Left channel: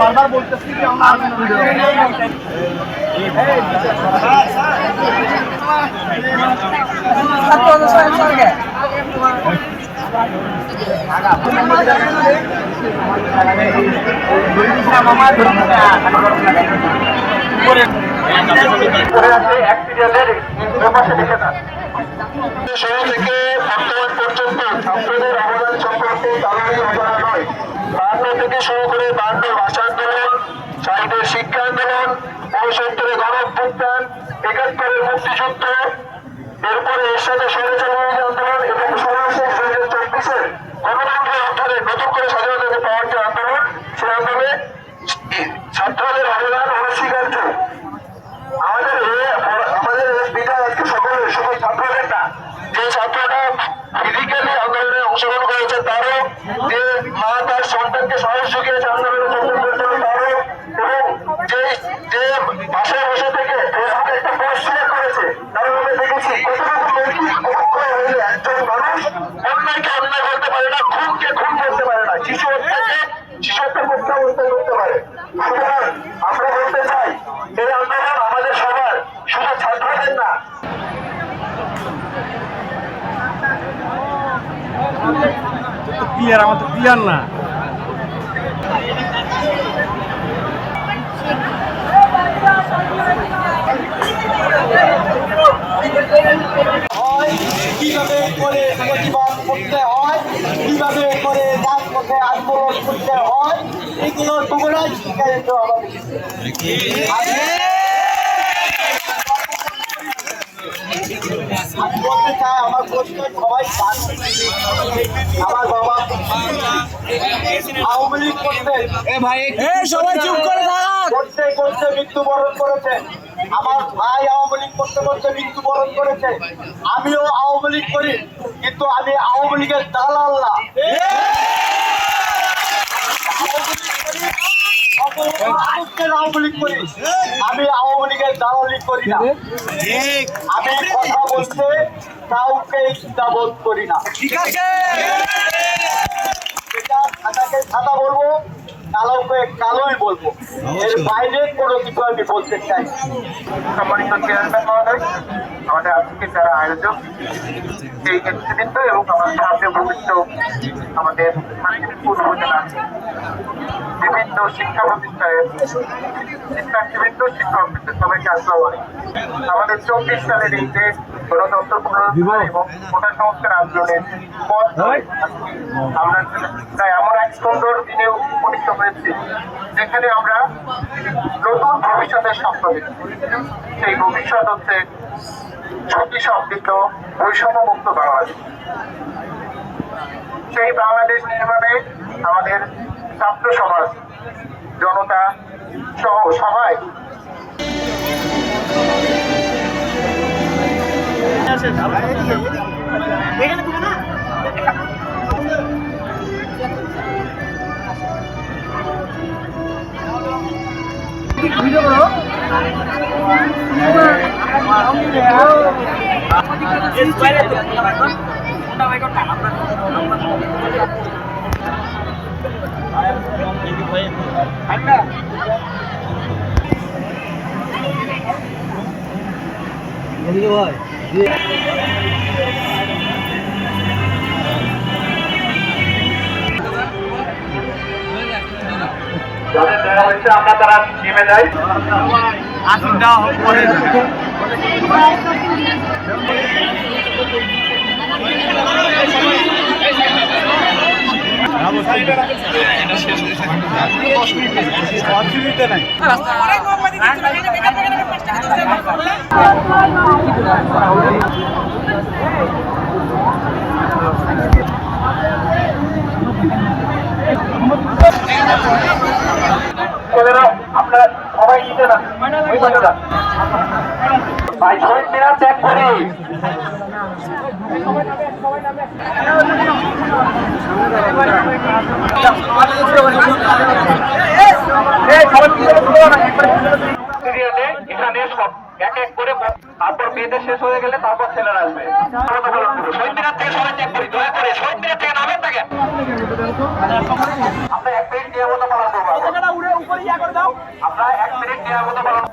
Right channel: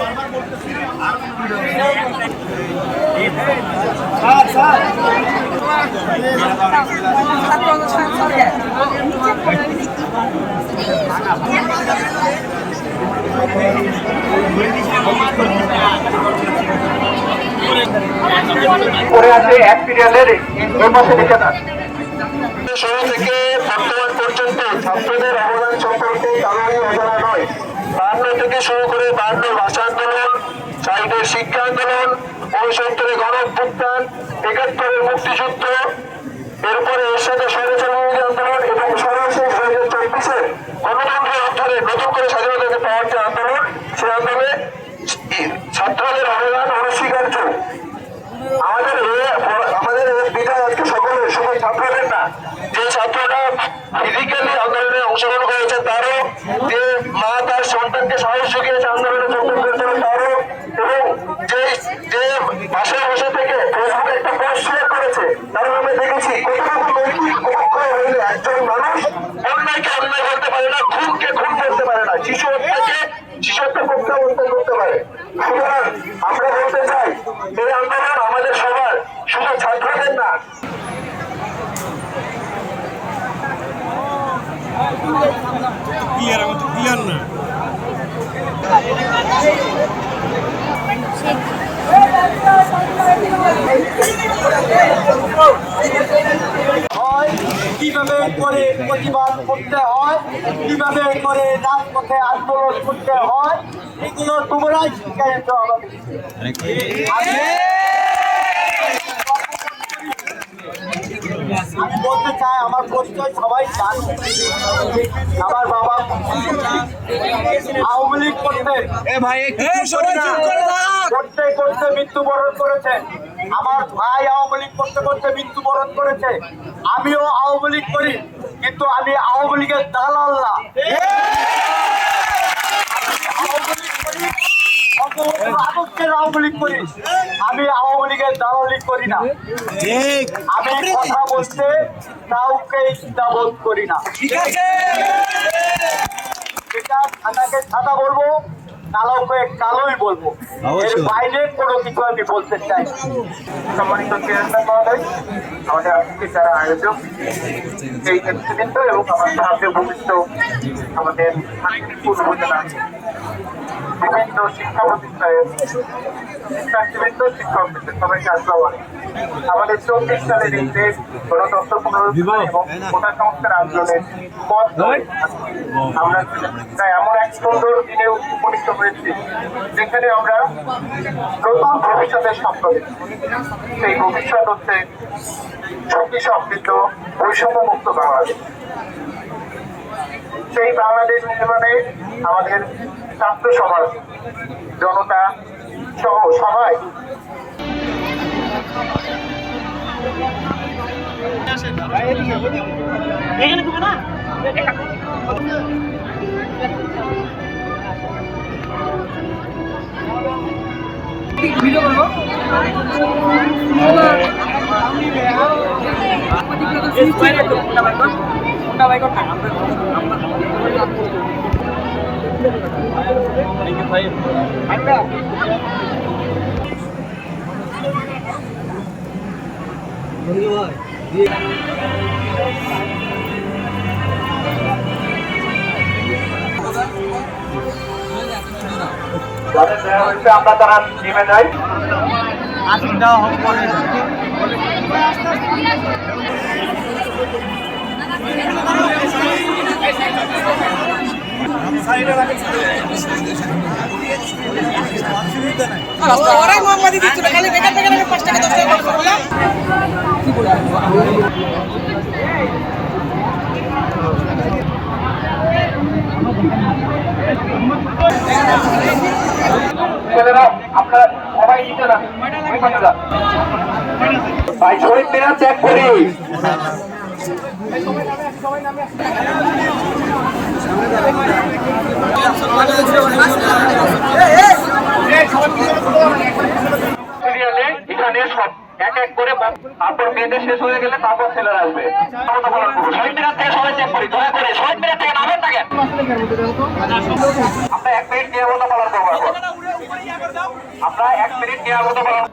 বারবার বলতেছি যে আমরা শুরু থেকে বর্তমান পর্যন্ত ছাত্রদের অবদান সম্পর্কে কারোরই অজানা নয়। 52 থেকে শুরু করে 52 ভাষা আন্দোলন, শহীদের শিক্ষা আন্দোলন, 69 গণ অভ্যুত্থান, 71 মুক্তিযুদ্ধ, এরপরে এর সাথে স্বৈরাচারী আন্দোলন এবং সর্বশেষ 2024 গণতন্ত্রের অর্থে নতুন করে স্বাধীনতাকে পাওয়ার যে আন্দোলন, সেই আন্দোলনে ছাত্রদের অবদান অনস্বীকার্য। আমাদের বিদায় আজকে সকলের, শুধু ছাত্রদের না, যে ছাত্ররা ফিজিক্যালি আন্দোলনে অংশগ্রহণ করেছে তারও, যে মা তার সন্তানকে সাহস জুগিয়েছে আন্দোলনে যোগদান করতে তারও, এবং যে বাসায় বসে থেকে ফেসবুকে একটা পোস্ট শেয়ার করেছে তারও আমি দেখেছি কতটুকু নৈতিক অবক্ষয় হইলে একজন মানুষ অন্যায়কে অন্যায় বলতে পারে না, খুনকে খুন করতে পারে না, শিশু হত্যা করতে পারে। সুতরাং আমরা বলতে চাই এই আন্দোলন আমাদের সবার, শুধু ছাত্রদের না। ক্লিয়ার, আমাদের ক্লিয়ার না। কিভাবে করে প্রতিবাদ করতে হয়, কিভাবে করে রাজপথে আন্দোলন করতে হয়, এগুলো তোমরাই শিক্ষায়িত আমাদের। আমি বলতে চাই, আমার পরিচয় সবাই জানে। আমার বাবা আওয়ামী লীগ করতে মৃত্যুবরণ করেছেন, আমার ভাই আওয়ামী লীগ করতে মৃত্যুবরণ করেছে। আমিও আওয়ামী লীগ করি, কিন্তু আমি আওয়ামী লীগের দালাল না। আওয়ামী লীগ করি, আমি আওয়ামী লীগের দালালি করি না। আমি কথা বলতে কাউকে দ্বিধাবোধ করি না। ঠিক আছে, সাদাকে সাদা বলবো, কালোকে কালোই বলবো, এর বাইরে কোনো কিছু আমি বলতে চাই। সম্মানিত চেয়ারম্যান মহোদয়, আমাদের আজকে যারা আয়োজক, এই নেতৃবৃন্দ এবং আমার সামনে ভূমিষ্ঠ আমাদের উপজেলা বিভিন্ন শিক্ষা প্রতিষ্ঠানের শিক্ষার্থীবৃন্দ, শিক্ষকবৃন্দ, সবাইকে আসসালামু আলাইকুম। আমাদের 24 সালের এই দেশ গণতন্ত্র পুনরুদ্ধার এবং কোটা সংস্কার আন্দোলনের পথ ধরে আমরা প্রায় এমন এক সুন্দর দিনে উপনীত হয়েছি যেখানে আমরা নতুন ভবিষ্যতের স্বপ্ন দেখছি। সেই ভবিষ্যৎ হচ্ছে ঝুঁকি সমৃদ্ধ, বৈষম্যমুক্ত বাংলাদেশ। সেই বাংলাদেশ নির্মাণে আমাদের ছাত্র সমাজ, জনতা সহ সবাই যাদের দেওয়া হয়েছে আমরা তারা নেমে যাই। আসুন দেওয়া হোক পরে। আপনারা সবাই নিতে না, ওই পাশে যান ভাই, শহীদ মিনার ত্যাগ করি। সবাই নামে এক এক করে তারপর মেয়েদের শেষ হয়ে গেলে তারপর ছেলেরা আসবে। শহীদ মিনার থেকে সবাই চেক করি, দয়া করে শহীদ মিনার থেকে নামেন থাকে। আপনারা 1 মিনিট নিরাপত্তা পালন করবেন। আপনারা 1 মিনিট নিরাপত্তা পালন